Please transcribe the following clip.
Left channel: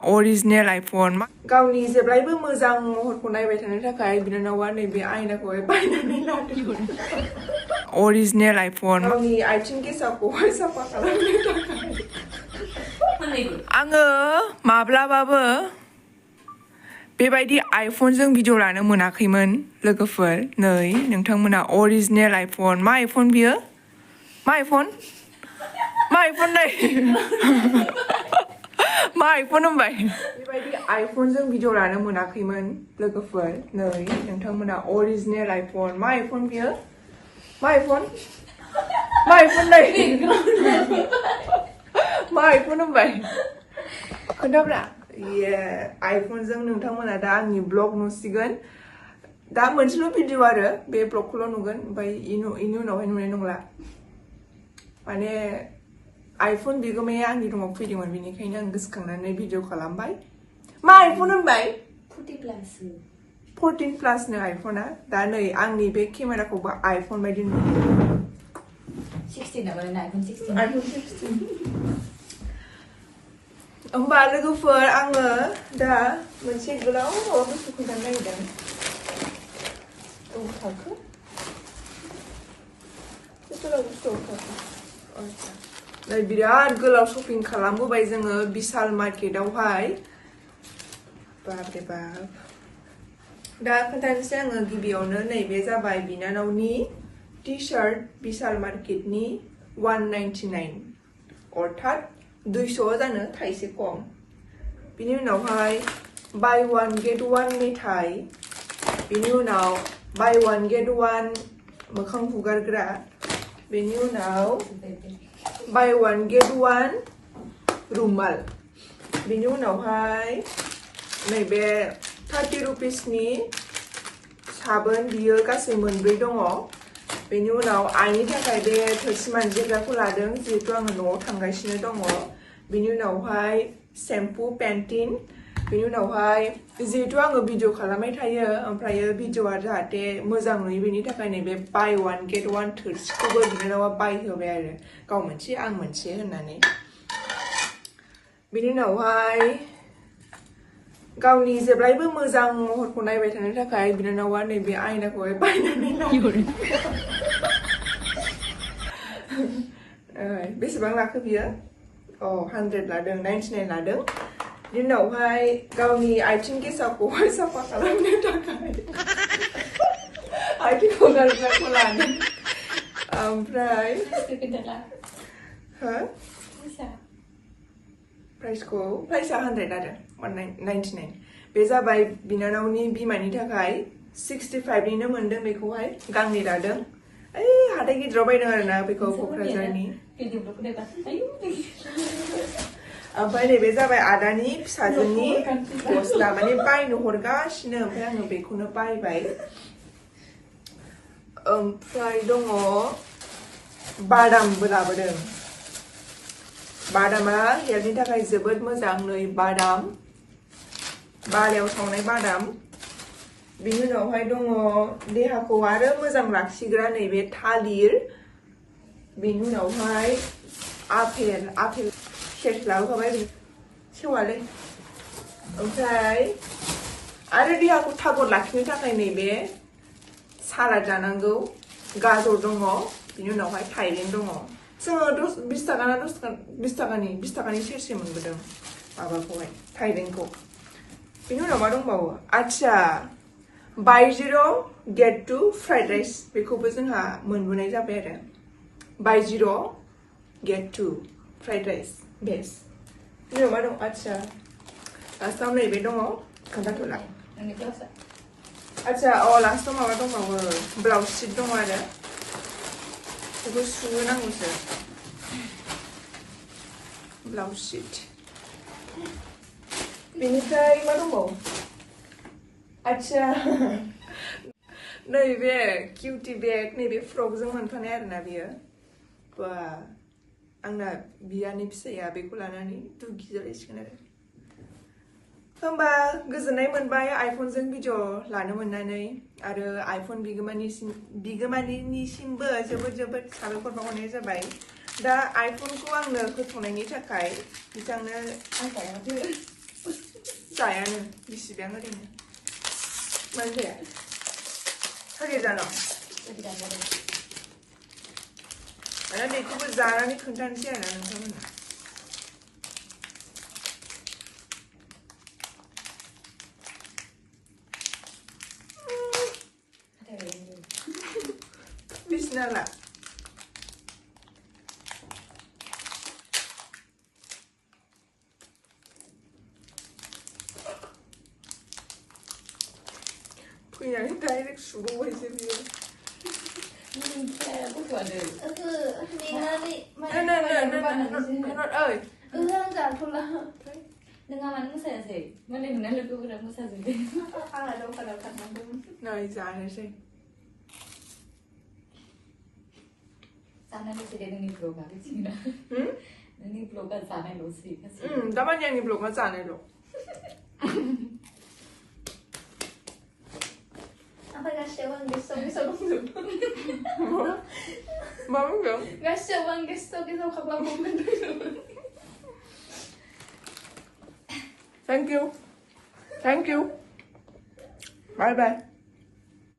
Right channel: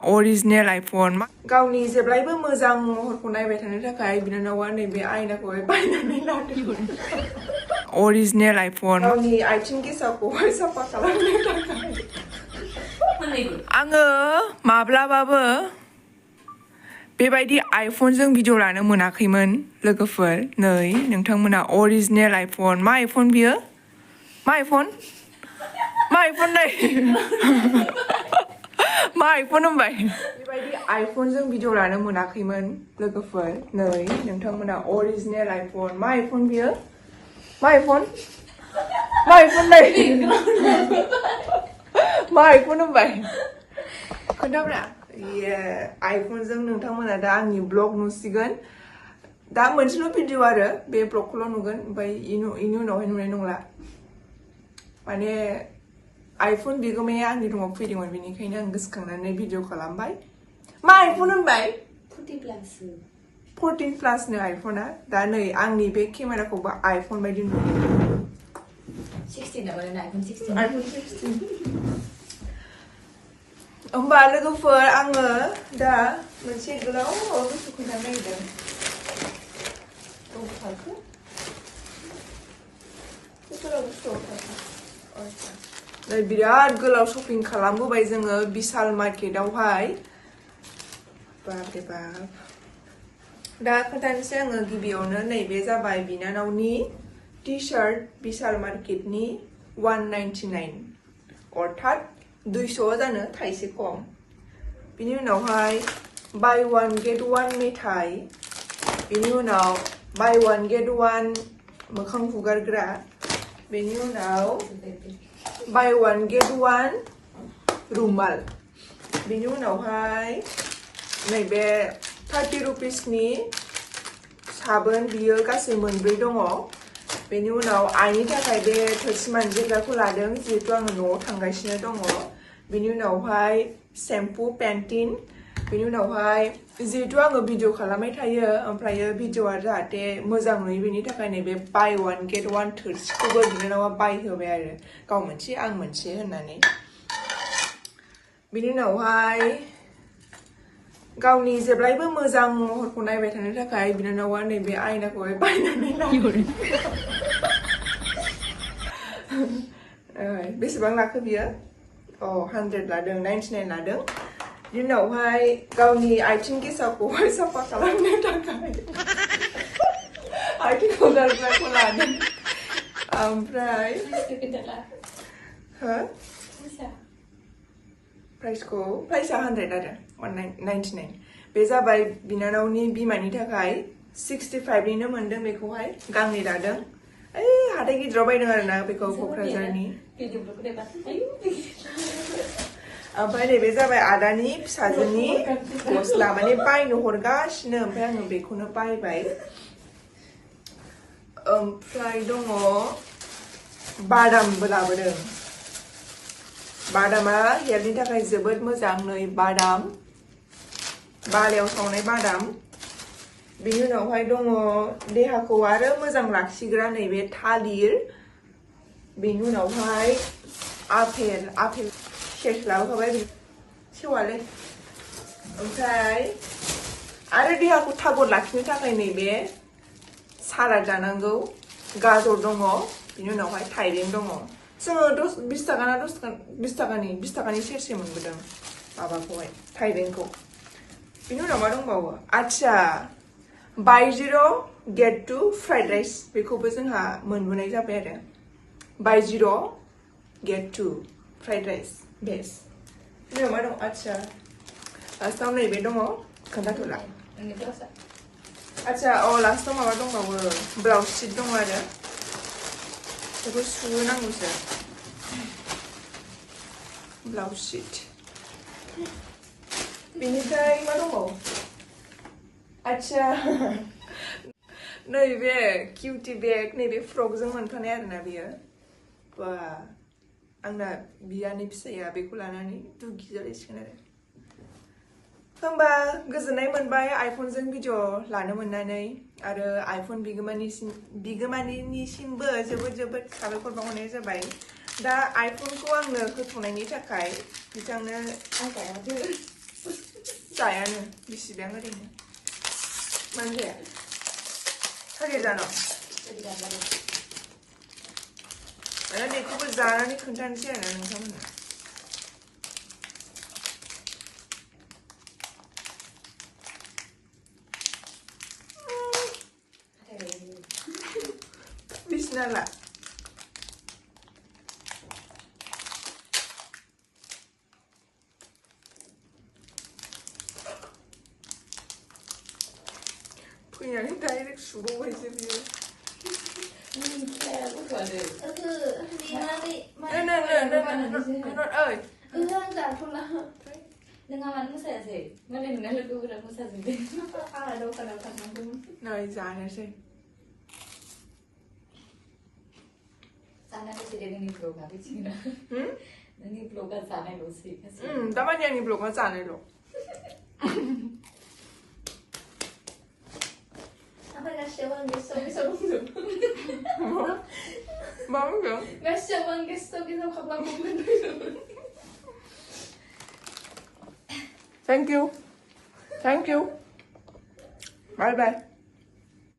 original iPhone गावनि जेब्लायबो मोजां महरखौ नायबाय थानो थाखाय बिनानावा नैबे आयनाखौहाय बायनानै लादों original iPhone गावनि आथिं गेसाखौहाय साफा खालामनो थाखाय आङो माब्लाबाबो बेबायदि आइफनजों भिडिअ लानो मोनाखैमोन लोगोफोर नै नोंथांमोना original iPhone मा आइफन बियो मा आइफन नै मा आइफन होनबाय बेबायदि आइफनजों भिडिअ लानो मोनाखैमोन लोगोफोर नै नोंथांमोना original iPhone मा आइफन बियो मा आइफन नै मा आइफन होनबाय खोन्थाब्रा आइफनजों नोंथांमोना दा आंनि ब्लग नुसिगोन दा मोनसेल' भिडिअ आरो बे ब्लगखौल' नुगोन ओमफ्राय इनि उनावहाय नुनाय नंला माने आइफन बिगोमाया आंनि रुमाव फैदोंमोन बेनिखायनो आं गोसोखांनानै भिडिअ खालामबाय मा आइफन होनबाय 14 प्लासनो आइफना दा नै आंनि बे केमेराखौबो आइफन बायदि नुयो 16 आइफन 16 होमबा लोगोफोर आङो दा मोनसे गोलाव बुस्थु खोन्थानो नागिरदों बिराद गोलाव शपिं खालामबोबाय जोङो बिशाल मार्केटावहाय बाबरे बाब दा खोन्थानोसै आङो गिबियावनो नैबे जाबाय बिनानावनि टि शार्ट बिशाल मार्केटनि 199 अर्थात 200 जानो थाइसे खम बिनि उनावहाय बाय वान गेट वान मेथाइ बिनि उनाव बाय वान गेट वान मोखां हुगारग्रा बेनि उनाव बाय वान गेट वान रुमाल बेनि उनावहाय नैबे 30 रुपिसनि साबोन बियो गासै मोनब्रै दङ बेनि उनाव आइनि थाखाय बे थोरसि मानजिग्राखौ लादों जिहेतु आङो न'आव थांगासिनो दङ बेनि उनावहाय सेम्पु पेन्टिन बेनि उनावहाय जिहेतु आङो भिडिअ खालामबाय थायो ओमफ्रायो भिडिअआ जाहाथे मोजां नुयो बेनि थाखाय नैबे बाय वान गेट वान थोरसिखौबो बिनानावा बायहोबाय आरो गाव मोनसे आं मोनसे होननानै बेनि उनावहाय गावनि जेब्लायबो मोजां महरखौ नायबाय थानो थाखाय बिनानावा नैबे आयनाखौहाय बायनानै लादों बेसेबां लाखो बियो 100 लादों 99 लादों बिनि उनावहाय गावनि आथिं गेसाखौहाय साफा खालामनो थाखाय आथिं हुगारग्राखौ लादों ओमफ्राय हो प्राइसआ 100 आरो 199 बे जाबाय बिनानावनि बिमानि थाखाय 65निनो मोनदों बेखौहाय गांनै लादों हाथाय गिदिराव बायदों आरोना बेखौ क'क्राझारनि ओमफ्राय नैबे जाबाय आदानि फिसाजोनि गस्ला माने बायनो हरगासिनो ओमफ्राय आङो बेखौनो बायबाय ओमफ्राय दङ बादामबो लाबोदों बादामा हेल्थनि थाखाय जोबोद मोजां नै बादाम बालायाव सावनाय बादाम बिनि उनावहाय दङ देहाखौ आरो मोजां लाखिग्रा नैबे थालिर बिनि उनावहाय आपेल सेस लाबोखाबाय सेवालै ओमफ्राय आरो देहाखौ थागद लाखिनो थाखाय नैबे सालाद जानांगौ गाजर दङ बिनि उनावहाय थाइबें दङ जोङो 20 थाखानि सेरसे मोनबोदों माबाखौहाय थाइबेंखौ बिनि उनाव मा दंबावो आच्छा बाय 0 गेट 2 फ्राइड राइस बेखौबो जोंहा मोनबोनाय जाबाय आरो बाय 0 गेट 2 फ्राइड राइस बेस बिनि उनाव मा दं आच्छा लास्टाव नैबे दङ खोन्थाथ'ला आच्छा लास्टाव माबा दंबावो ब्लाउज शिट दङ आरो बेखौ सुनांगौसो ब्लाउज शिट बेनिफ्राय मा दंबावो आच्छा नैबे किउटि बेग नैबे फ्रकजों मोनफानाय आरोना बेयो बा आंना बियानि फिसाया बेखौ लानानै दुगि जालायसिगोन आरो होमबा गोजोननाय मोनबाय आइफनजों भिडिअ लानो मोननानै आरो आइफन बिगोमानिसिमबो जोबोद साबायखर बावहरनाय जाबाय दा आइफनखौ आंनो होथ'नायनि थाखाय बिथांनो 싸야는 미시병 그리네. 뭔데? 하기잖아. 아니 그거 잘하니 괜찮지 않아? 능성은. Bismillah. 그냥 다이렉트 수고 해주세요. Hanot ơi. Này già này xem. Dapat yang ni blog macam ni lo. Apa nasi Jwng gesto dulu? Mau enggak? Nasi Jwng gesto kapan mau dulu? Thank you. Thank you. Bye bye.